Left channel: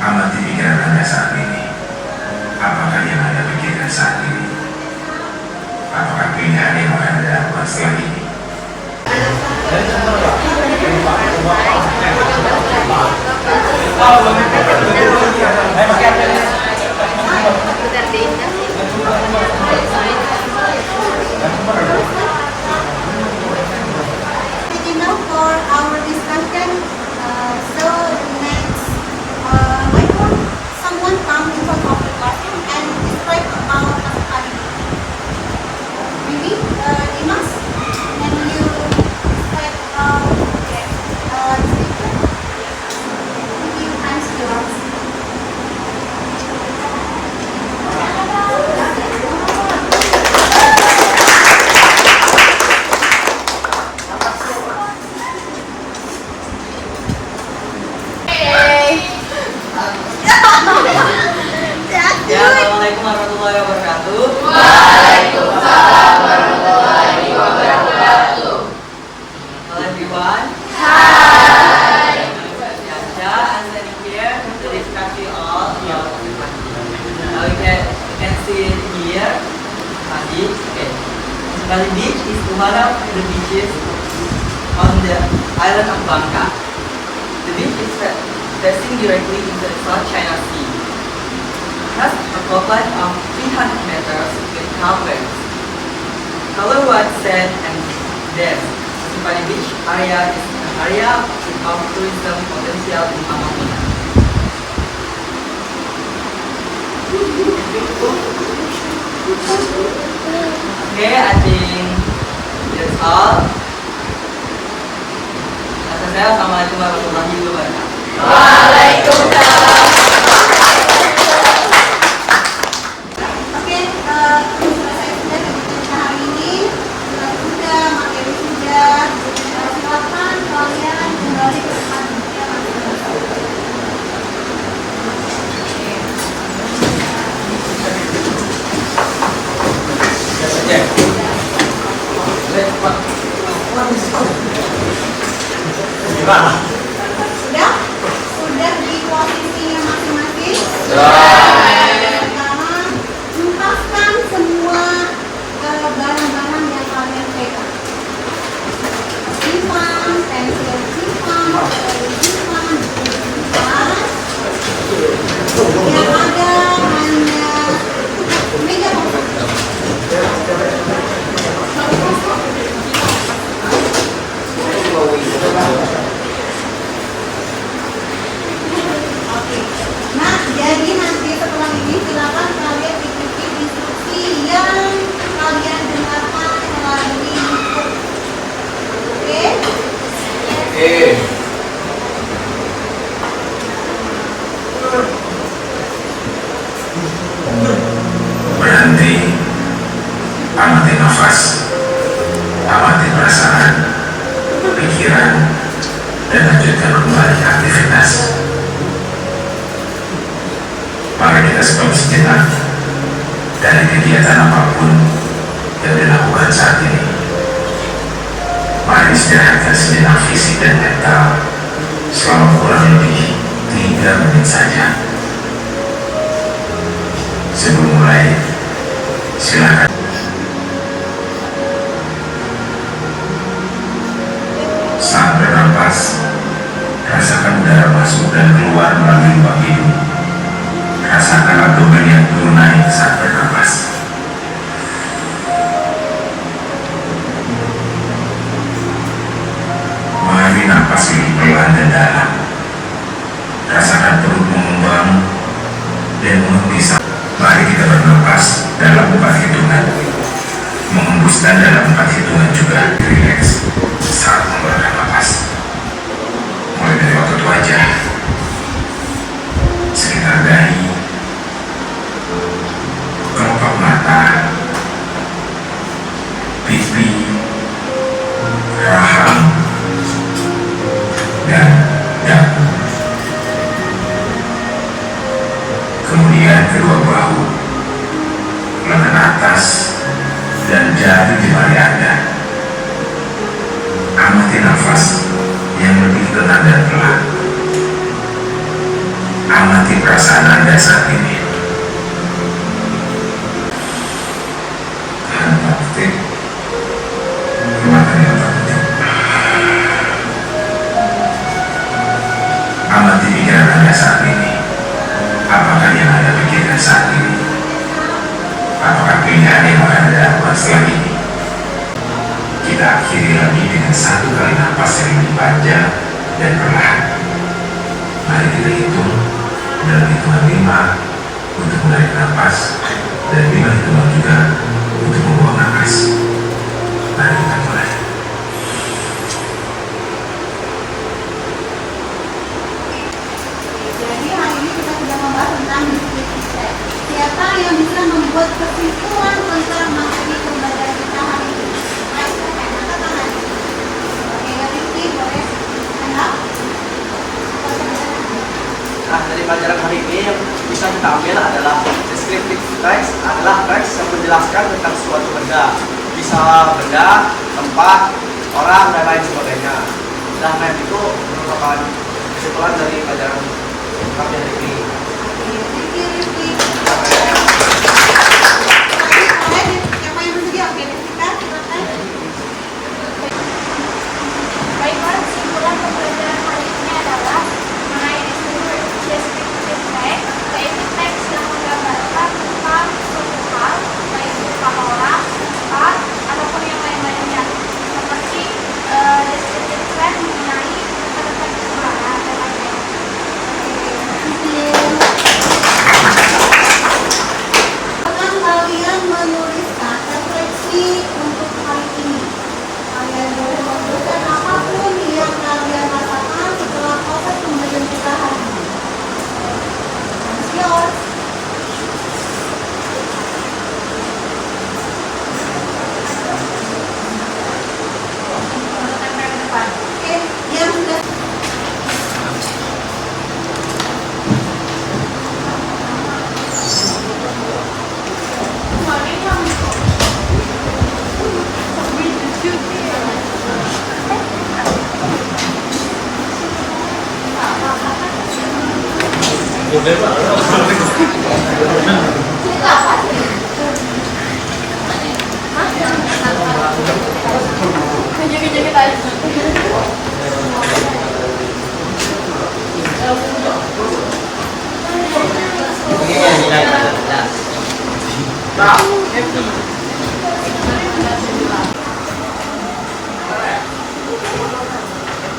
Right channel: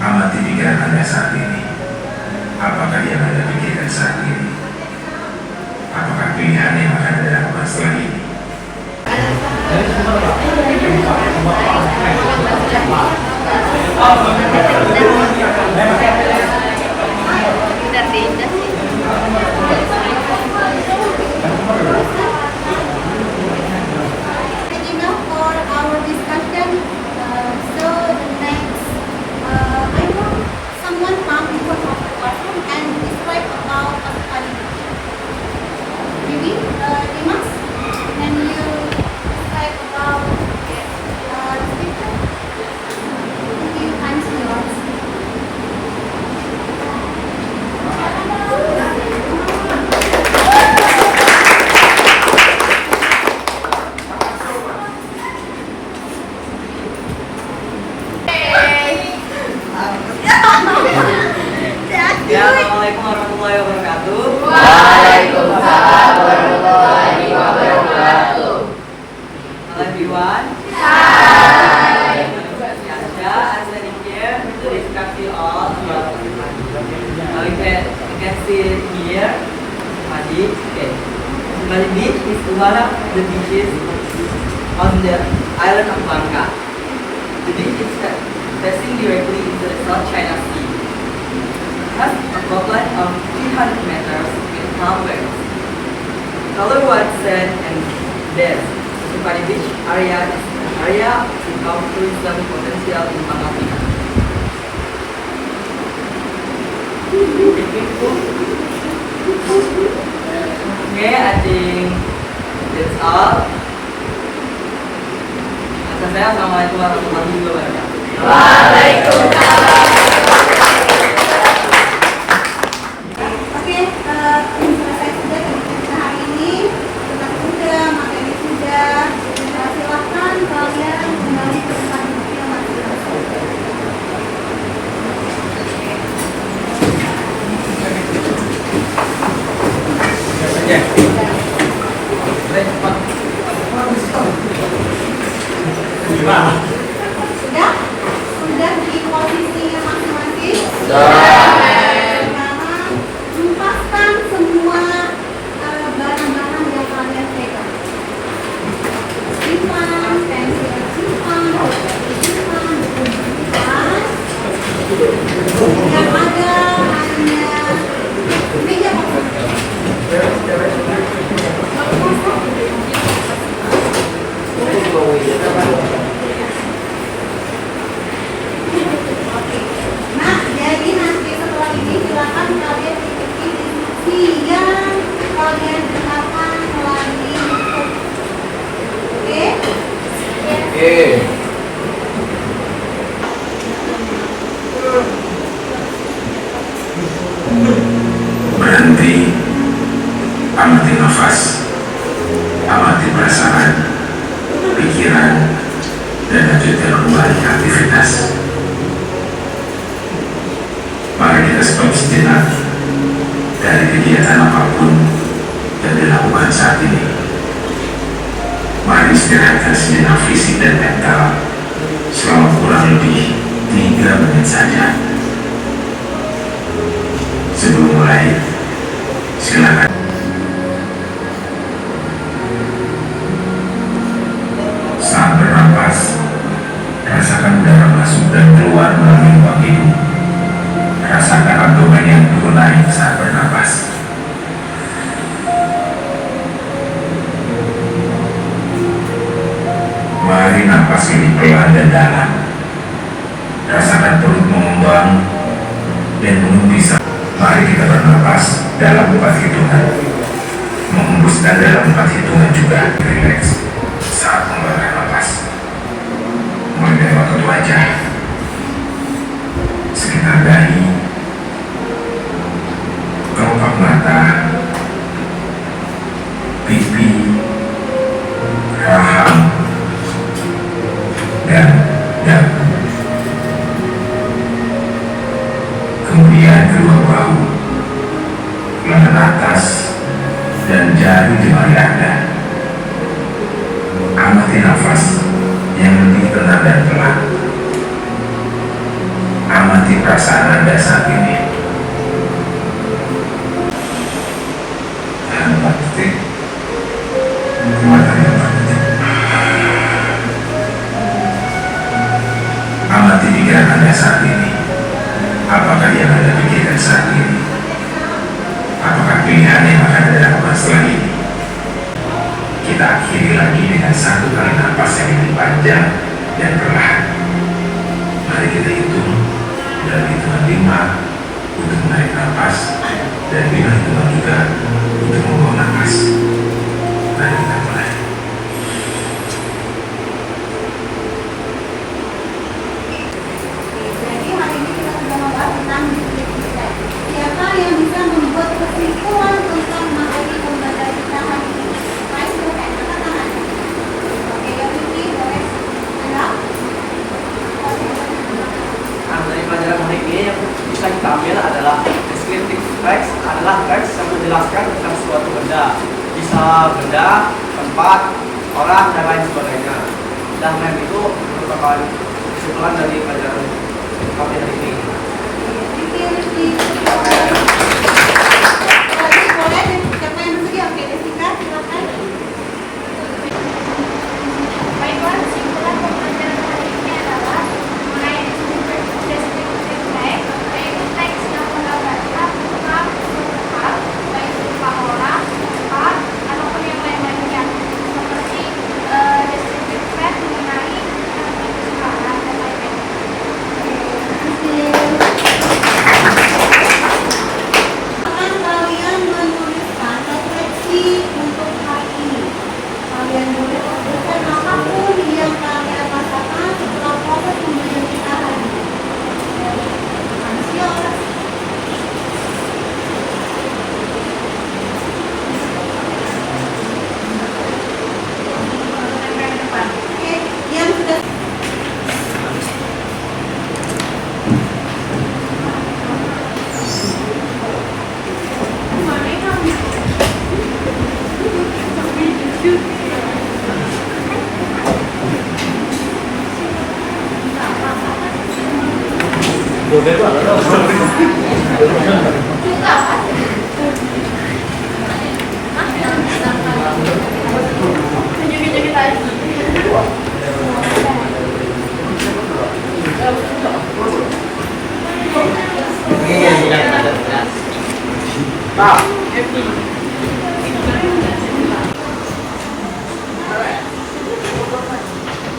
Amati pikiran Anda saat ini. Apakah yang Anda pikirkan saat ini? Apakah pilihan yang akan Anda lakukan setelah ini? For our discussion, so the next, I want someone come in front of the classroom and describe about study. Maybe, Dimas, can you describe about the speaker? Okay, I'm still. Assalamualaikum warahmatullahi wabarakatuh. Waalaikumsalam warahmatullahi wabarakatuh. Hello everyone. Hi. Yasha, I'm standing here to discuss you all about now you can see it here. Bali. Okay. Bali Beach is one of the beaches on the island of Bangka. The beach is facing directly into the South China Sea. Has a coastline of 300 meters with calm waves. Color white sand and depth. The Bali Beach area is an area with tourism potential in Pangkal Pinang. Okay, I think that's all. Kata saya, assalamualaikum warahmatullahi wabarakatuh. Waalaikumsalam. Selesai sudah kegiatan hari ini, dengan sudah, materi sudah, silakan kalian kembali ke tempat duduknya masing-masing. Sudah di posisinya masing-masing. Empaskan semua barang-barang yang kalian pegang. Simpan, pensil simpan, simpan, yang ada hanya meja kosong. Nah, jadi nanti setelah ini silakan kalian ikuti instruksi yang kalian dengarkan melalui YouTube. Oke? Oke. Berhenti, amati nafas, amati perasaan, pikiran, dan lanjutkan kembali aktivitas. Mari kita stop sejenak dari kegiatan apapun yang dilakukan saat ini. Mari istirahatkan sejenak fisik dan mental selama kurang lebih 3 menit saja. Sebelum mulai, silakan. Saat bernapas, rasakan udara masuk dan keluar melalui lubang hidung. Rasakan abdomen yang turun naik saat bernapas. Mari napas lebih pelan dan dalam. Rasakan perut mengembang dan mulut bisa. Mari kita bernapas dalam 4 hitungan. Menghembuskan dalam 4 hitungan juga. Relax saat mengeluarkan napas. Mulai dari otot wajah, sekitar dahi, kelopak mata, pipi, rahang, dan dagu. Kemudian kedua bahu, lengan atas, dan jari jemari Anda. Amati nafas yang begitu tenang dan pelan. Amati perasaan Anda saat ini. Tahan 4 detik. Keluarkan dengan 4 detik. Amati pikiran Anda saat ini. Apakah yang Anda pikirkan saat ini? Apakah pilihan yang akan Anda lakukan setelah ini? Kita akhiri lagi dengan 1 kali napas yang lebih panjang dan perlahan. Mari kita hitung dalam hitungan 5 untuk menarik napas dan 5 hitungan juga untuk membuang napas. Mari kita mulai. Jadi hari ini kita sudah membahas tentang dikit-dikit. Siapa yang bisa membuat kesimpulan tentang materi pembelajaran kita hari ini? Nah, dari pelajaran hari ini yang bisa kita ambil adalah descriptive text adalah teks yang menjelaskan tentang suatu benda, bisa benda, tempat, orang, dan lain sebagainya. Dan lain itu merupakan kesimpulan dari pelajaran kami hari ini. Baiklah, kesimpulan pembelajaran hari ini adalah mengenai deskriptif teks, yaitu teks yang menggambarkan tentang tempat, baik berupa orang, tempat, ataupun yang lain-lainnya. Seperti deskriptif teks mengenai keseluruhan contohnya. Akan kalian menuliskan refleksi untuk hari ini. Kalian boleh menuliskan apapun yang kalian rasakan setelah proses pembelajaran kita hari ini. Yours. Oke, yang sudah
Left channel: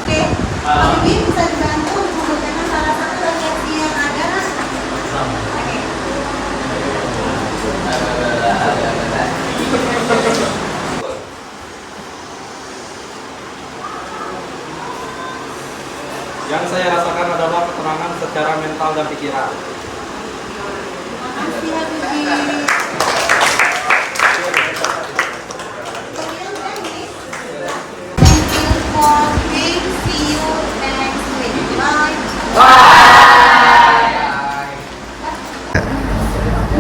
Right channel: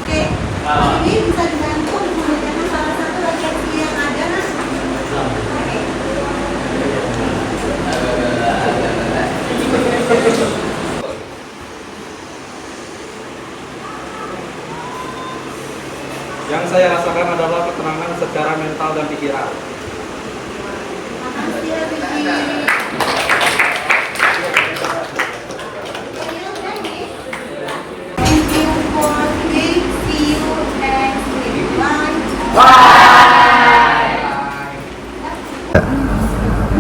Oke, kalau ini bisa dibantu mengerjakan salah satu reaksi yang ada. Yang saya rasakan adalah ketenangan secara mental dan pikiran. Makasih ya, Bibi. Thank you for playing. See you next week. Bye.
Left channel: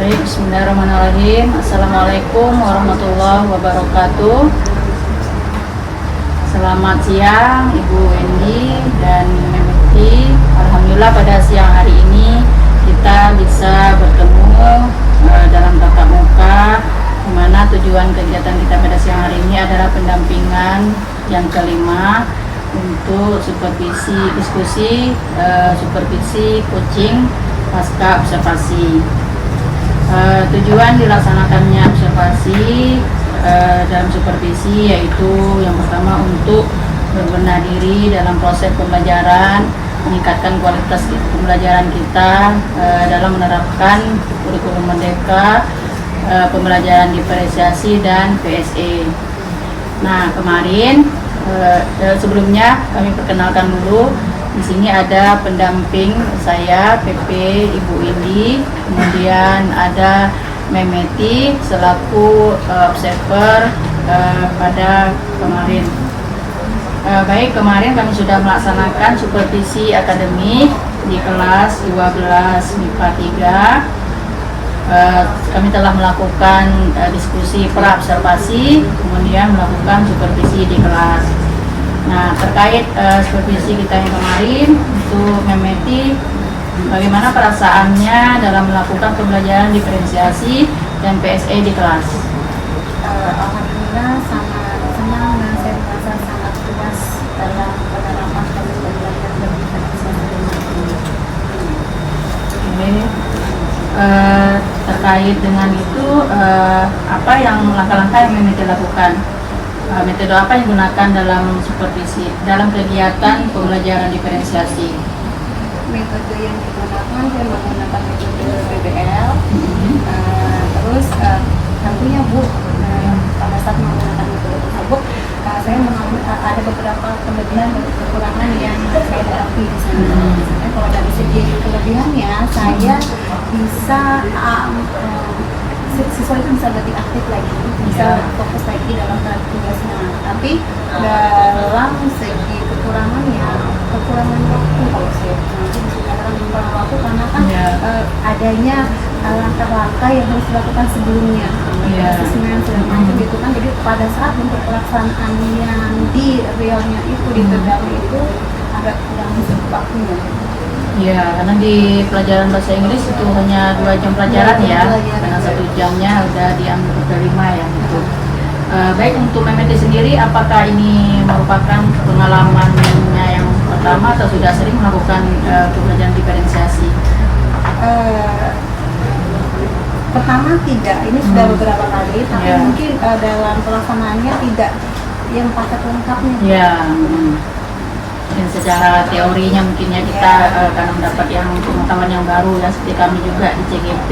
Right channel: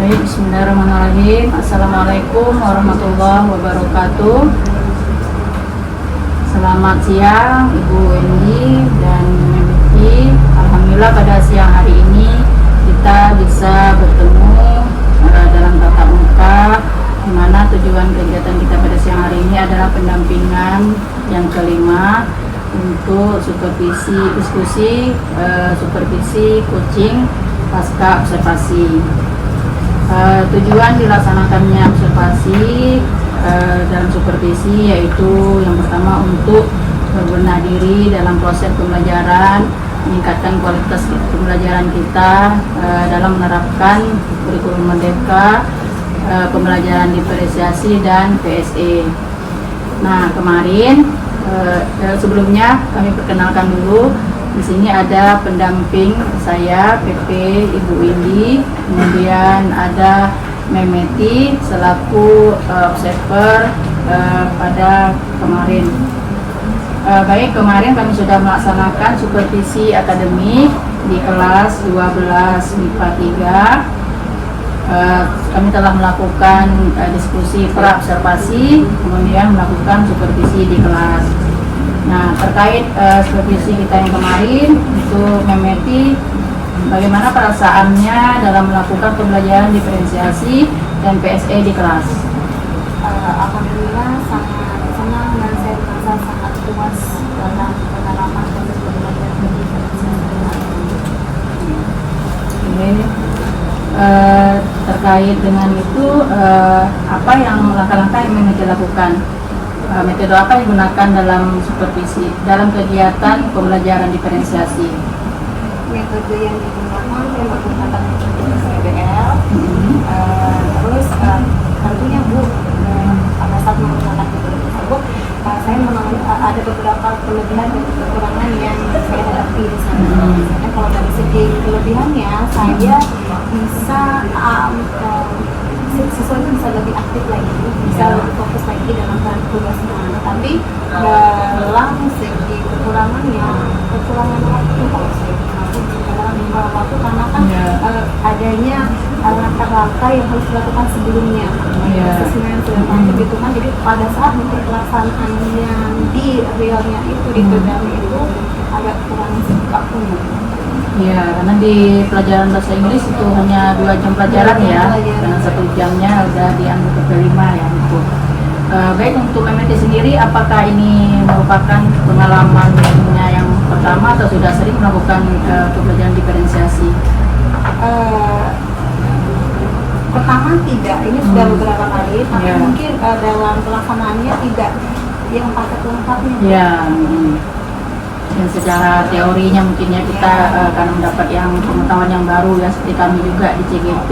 Baik, bismillahirrahmanirrahim. Assalamualaikum warahmatullahi wabarakatuh. Selamat siang Ibu Wendy dan Memiti. Alhamdulillah pada siang hari ini kita bisa bertemu dalam tatap muka, di mana tujuan kegiatan kita pada siang hari ini adalah pendampingan yang kelima untuk supervisi diskusi, supervisi coaching pasca observasi. Tujuan dilaksanakannya observasi dan supervisi yaitu yang pertama untuk berbenah diri dalam proses pembelajaran, meningkatkan kualitas pembelajaran kita dalam menerapkan kurikulum merdeka, pembelajaran diferensiasi dan PSE. Nah, kemarin sebelumnya kami perkenalkan dulu. Di sini ada pendamping saya, PP Ibu Windy, kemudian ada Memeti selaku observer pada kemarin. Baik, kemarin kami sudah melaksanakan supervisi akademik di kelas 12 MIPA 3. Kami telah melakukan diskusi pra-observasi, kemudian melakukan supervisi di kelas. Nah, terkait supervisi kita yang kemarin itu Memeti, bagaimana perasaannya dalam melakukan pembelajaran diferensiasi dan PSE di kelas? Alhamdulillah sangat senang dan saya merasa sangat puas dalam penerapan dan pembelajaran diferensiasi. Ini terkait dengan itu apa yang langkah-langkah yang Memeti lakukan? Metode apa yang digunakan dalam supervisi dalam kegiatan pembelajaran diferensiasi? Metode yang digunakan saya menggunakan metode PBL. Terus tentunya Bu pada saat menggunakan metode tersebut saya mengambil ada beberapa kelebihan dan kekurangan yang saya hadapi di sana. Misalnya kalau dari segi kelebihannya saya bisa siswa itu bisa lebih aktif lagi, bisa lebih fokus lagi dalam tugasnya. Tapi dalam segi kekurangannya, kekurangan waktu kalau saya dalam kekurangan waktu karena kan adanya langkah-langkah yang harus dilakukan sebelumnya, asesmen segala macam gitu kan. Jadi pada saat untuk pelaksanaan yang di realnya itu di tegaknya itu agak kurang waktunya. Ya, karena di pelajaran bahasa Inggris itu hanya 2 jam pelajaran ya, karena 1 jamnya udah diambil ke 5 ya. Gitu. Baik, untuk Memeti sendiri, apakah ini merupakan pengalamannya yang pertama atau sudah sering melakukan pembelajaran diferensiasi? Pertama tidak, ini sudah beberapa kali, tapi mungkin dalam pelaksanaannya tidak yang paket lengkapnya. Ya. Dan secara teorinya mungkinnya kita akan mendapat yang pengetahuan yang baru ya, seperti kami juga di CGP.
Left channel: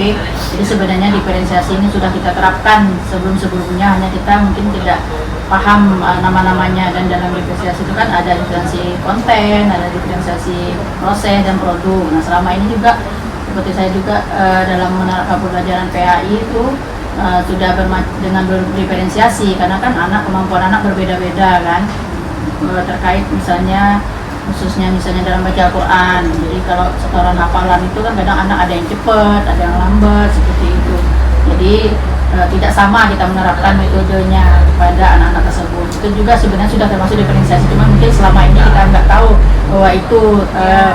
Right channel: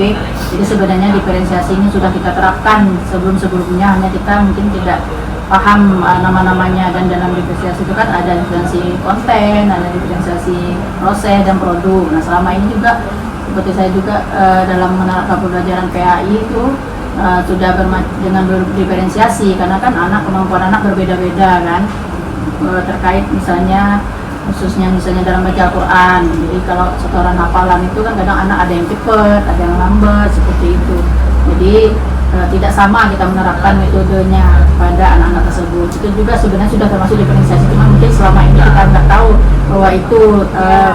Jadi sebenarnya diferensiasi ini sudah kita terapkan sebelum-sebelumnya, hanya kita mungkin tidak paham nama-namanya. Dan dalam diferensiasi itu kan ada diferensiasi konten, ada diferensiasi proses dan produk. Nah, selama ini juga seperti saya juga dalam menerapkan pembelajaran PAI itu sudah dengan berdiferensiasi, karena kan kemampuan anak berbeda-beda kan. Terkait misalnya khususnya dalam baca Al-Quran. Jadi kalau setoran hafalan itu kan kadang anak ada yang cepat, ada yang lambat seperti itu. Jadi tidak sama kita menerapkan metodenya pada anak-anak tersebut. Itu juga sebenarnya sudah termasuk diferensiasi, cuma mungkin selama ini kita nggak tahu bahwa itu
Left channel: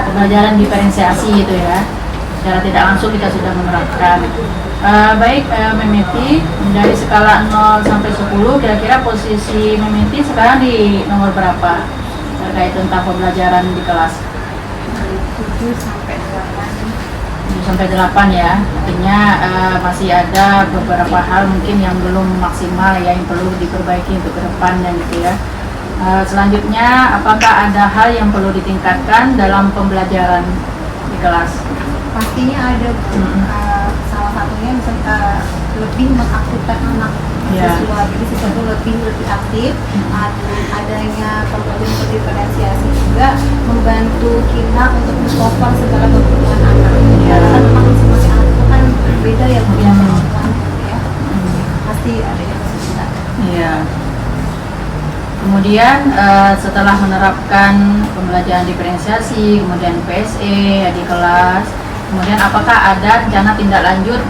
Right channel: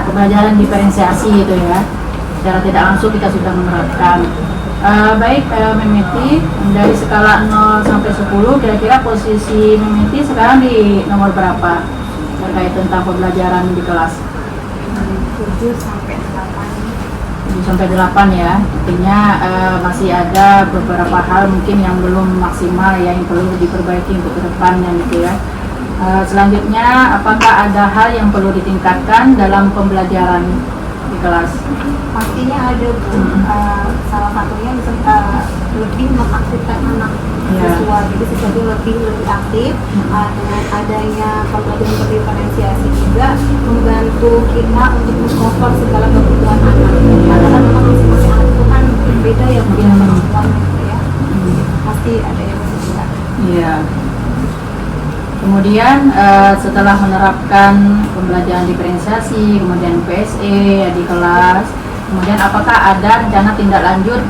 pembelajaran diferensiasi itu ya. Secara tidak langsung kita sudah menerapkan. Baik, Memeti, dari skala 0 sampai 10, kira-kira posisi Memeti sekarang di nomor berapa terkait tentang pembelajaran di kelas? 7 sampai 8. 7 sampai 8 ya, artinya masih ada beberapa hal mungkin yang belum maksimal ya, yang perlu diperbaiki untuk ke depannya gitu ya. Selanjutnya, apakah ada hal yang perlu ditingkatkan dalam pembelajaran di kelas? Pastinya ada, salah satunya misalnya lebih mengaktifkan anak siswa, jadi siswa itu lebih aktif. Dengan adanya pembelajaran diferensiasi juga membantu kita untuk mengcover segala kebutuhan anak. Karena memang masing-masing anak itu kan berbeda ya kemampuannya gitu ya. Pasti ada yang bisa. Iya. Kemudian setelah menerapkan pembelajaran diferensiasi, kemudian PSE di kelas, kemudian apakah ada rencana tindak lanjut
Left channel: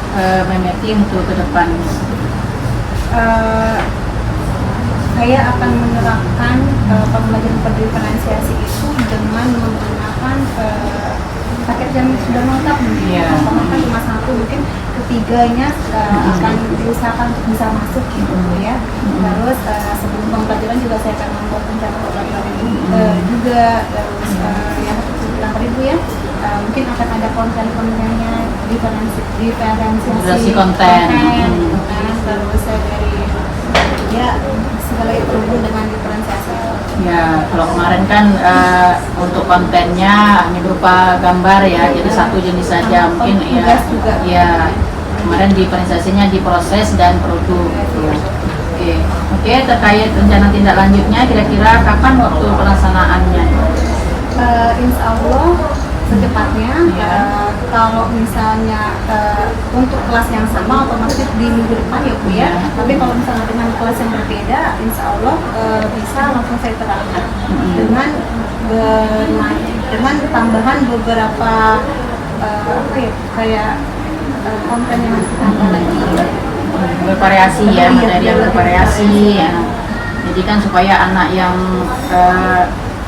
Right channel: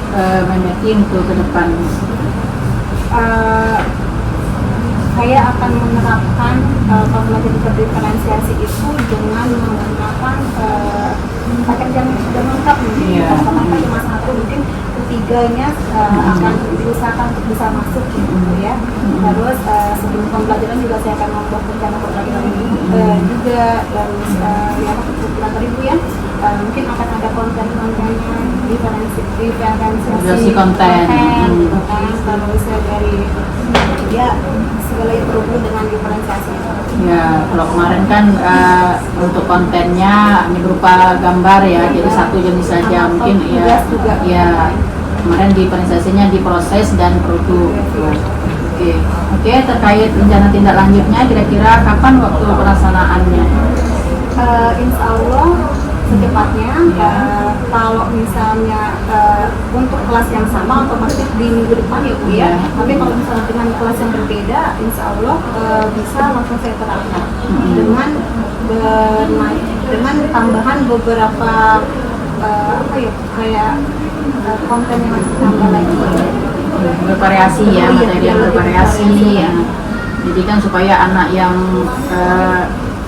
Memeti untuk ke depan? Saya akan menerapkan pembelajaran diferensiasi itu dengan menggunakan paket yang sudah lengkap mungkin. Pertama kan cuma 1, mungkin ketiganya akan diusahakan untuk bisa masuk gitu ya. Terus sebelum pembelajaran juga saya akan membuat rencana pembelajaran juga, terus yang tadi Bu ya, mungkin akan ada konten-kontennya, diferensiasi konten gitu kan. Terus dari ya segala yang berhubungan dengan diferensiasi. Ya, kalau kemarin kan untuk kontennya hanya berupa gambar ya, jadi satu jenis saja mungkin ya. Ya, kemarin diferensiasinya di proses dan produk. Oke, terkait rencana tindak lanjutnya, kira-kira kapan waktu pelaksanaannya? Insya Allah secepatnya. Kalau misalnya untuk kelas yang sama otomatis di minggu depan ya Bu ya. Tapi kalau misalnya dengan kelas yang berbeda, insya Allah bisa langsung saya terapkan dengan tambahan beberapa kayak konten yang masih tambah lagi. Bervariasi ya, materi yang bervariasi ya. Jadi kan supaya anak yang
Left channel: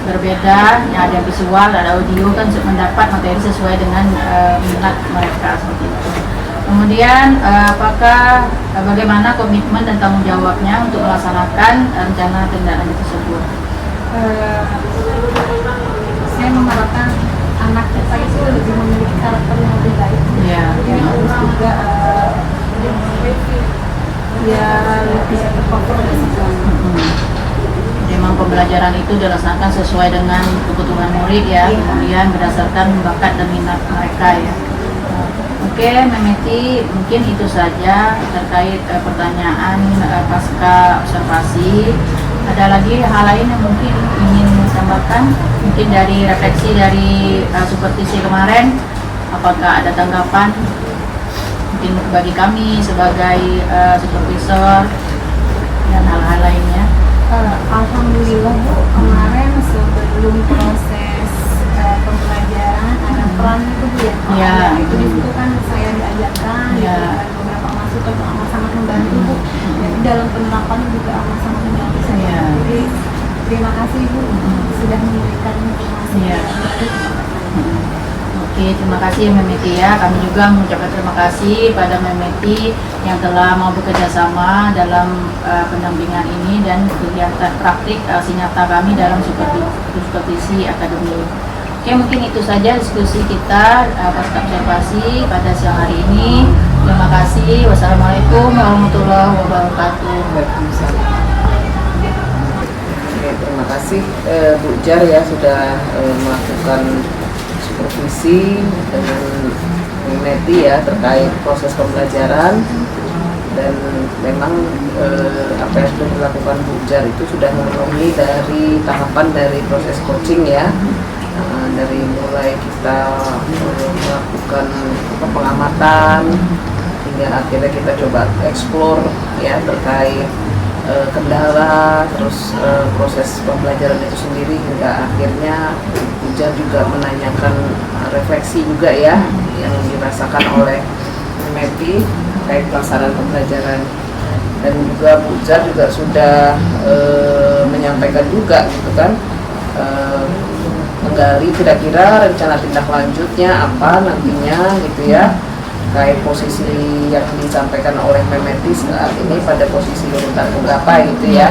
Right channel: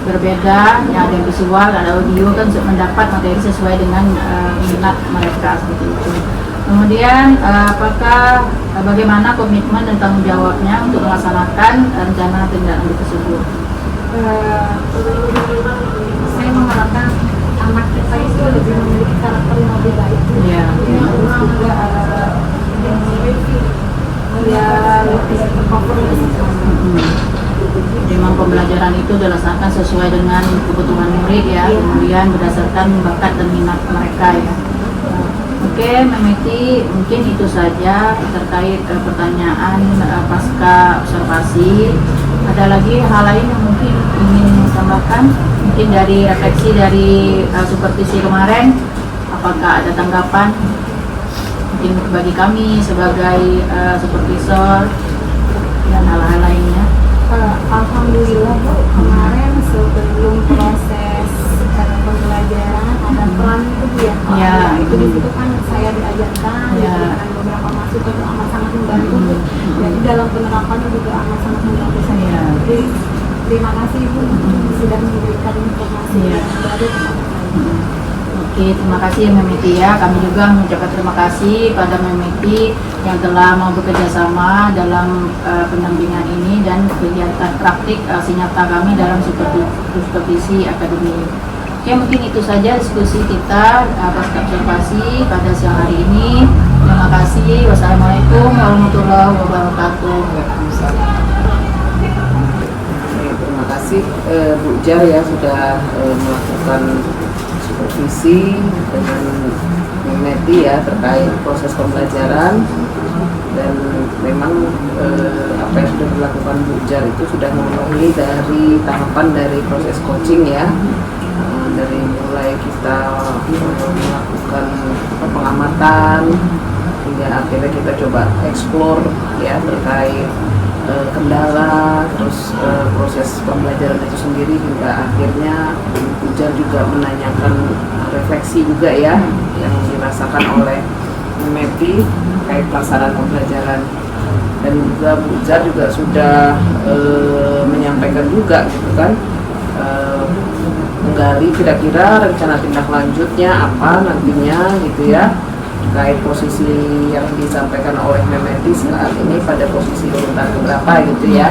berbeda, yang ada visual, ada audio kan mendapat materi sesuai dengan minat mereka seperti itu. Kemudian apakah bagaimana komitmen dan tanggung jawabnya untuk melaksanakan rencana tindak lanjut tersebut? Saya mengharapkan anak kita itu lebih memiliki karakter yang lebih baik. Ya. Jadi rumah juga lebih memiliki dia lebih tercover di situ. Memang pembelajaran itu dilaksanakan sesuai dengan kebutuhan murid ya, kemudian berdasarkan bakat dan minat mereka ya. Oke, Memeti, mungkin itu saja terkait pertanyaan pasca observasi. Ada lagi hal lain yang mungkin ingin tambahkan? Mungkin dari refleksi dari supervisi kemarin, apakah ada tanggapan? Mungkin bagi kami sebagai supervisor dan hal-hal lainnya. Alhamdulillah Bu, kemarin sebelum proses pembelajaran ada peran itu Bu ya. Ya, Itu di situ kan saya diajarkan, Ya. diberikan beberapa masukan yang amat sangat membantu Bu. Jadi dalam penerapan juga amat sangat membantu saya. Ya. Jadi terima kasih Bu sudah memberikan informasi Ya. yang baru. Oke, terima kasih Memeti ya. Kami juga mengucapkan terima kasih pada Memeti yang telah mau bekerja sama dalam pendampingan ini dan kegiatan praktik aksi nyata kami dalam supervisi akademi. Oke, mungkin itu saja diskusi kita pasca observasi pada siang hari ini. Terima kasih. Wassalamualaikum warahmatullahi wabarakatuh. Waalaikumsalam. Oke, terima kasih Bu Jar ya sudah melakukan supervisi dengan Memeti ya terkait proses pembelajaran, dan memang apa yang sudah dilakukan Bu Jar itu sudah memenuhi dari tahapan dari proses coaching ya. Dari mulai kita melakukan pengamatan hingga akhirnya kita coba explore ya terkait kendala, terus proses pembelajaran itu sendiri hingga akhirnya Bujar juga menanyakan refleksi juga ya yang dirasakan oleh Memeti terkait pelaksanaan pembelajaran, dan juga Bujar juga sudah menyampaikan juga gitu kan menggali kira-kira rencana tindak lanjutnya apa nantinya gitu ya terkait posisi yang disampaikan oleh Memeti saat ini pada posisi urutan keberapa gitu ya.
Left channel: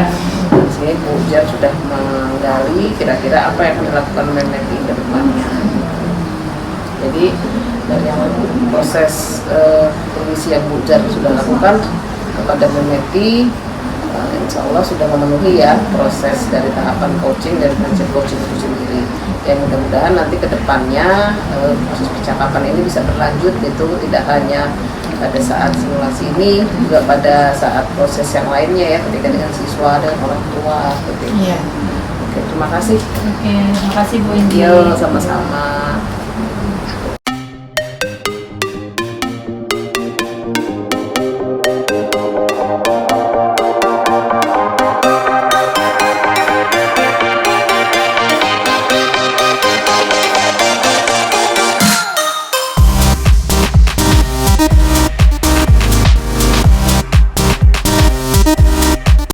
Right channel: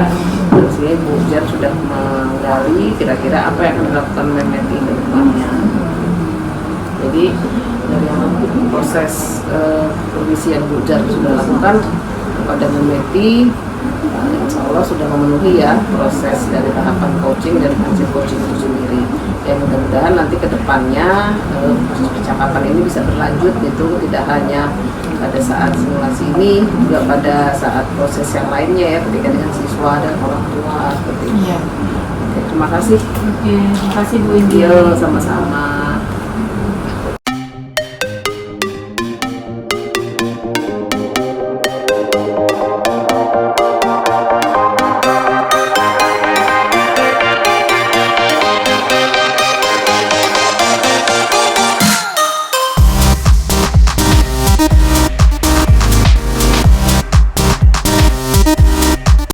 Di sini Bu Jar sudah menggali kira-kira apa yang akan dilakukan Memeti ke depannya. Jadi dari yang proses supervisi yang Bu Jar sudah lakukan kepada Memeti, insya Allah sudah memenuhi ya proses dari tahapan coaching dan prinsip coaching itu sendiri. Ya mudah-mudahan nanti ke depannya proses percakapan ini bisa berlanjut gitu, tidak hanya pada saat simulasi ini, juga pada saat proses yang lainnya ya ketika dengan siswa dan orang tua seperti itu. Iya. Oke, terima kasih. Oke, terima kasih Bu Indi. Yo, sama-sama.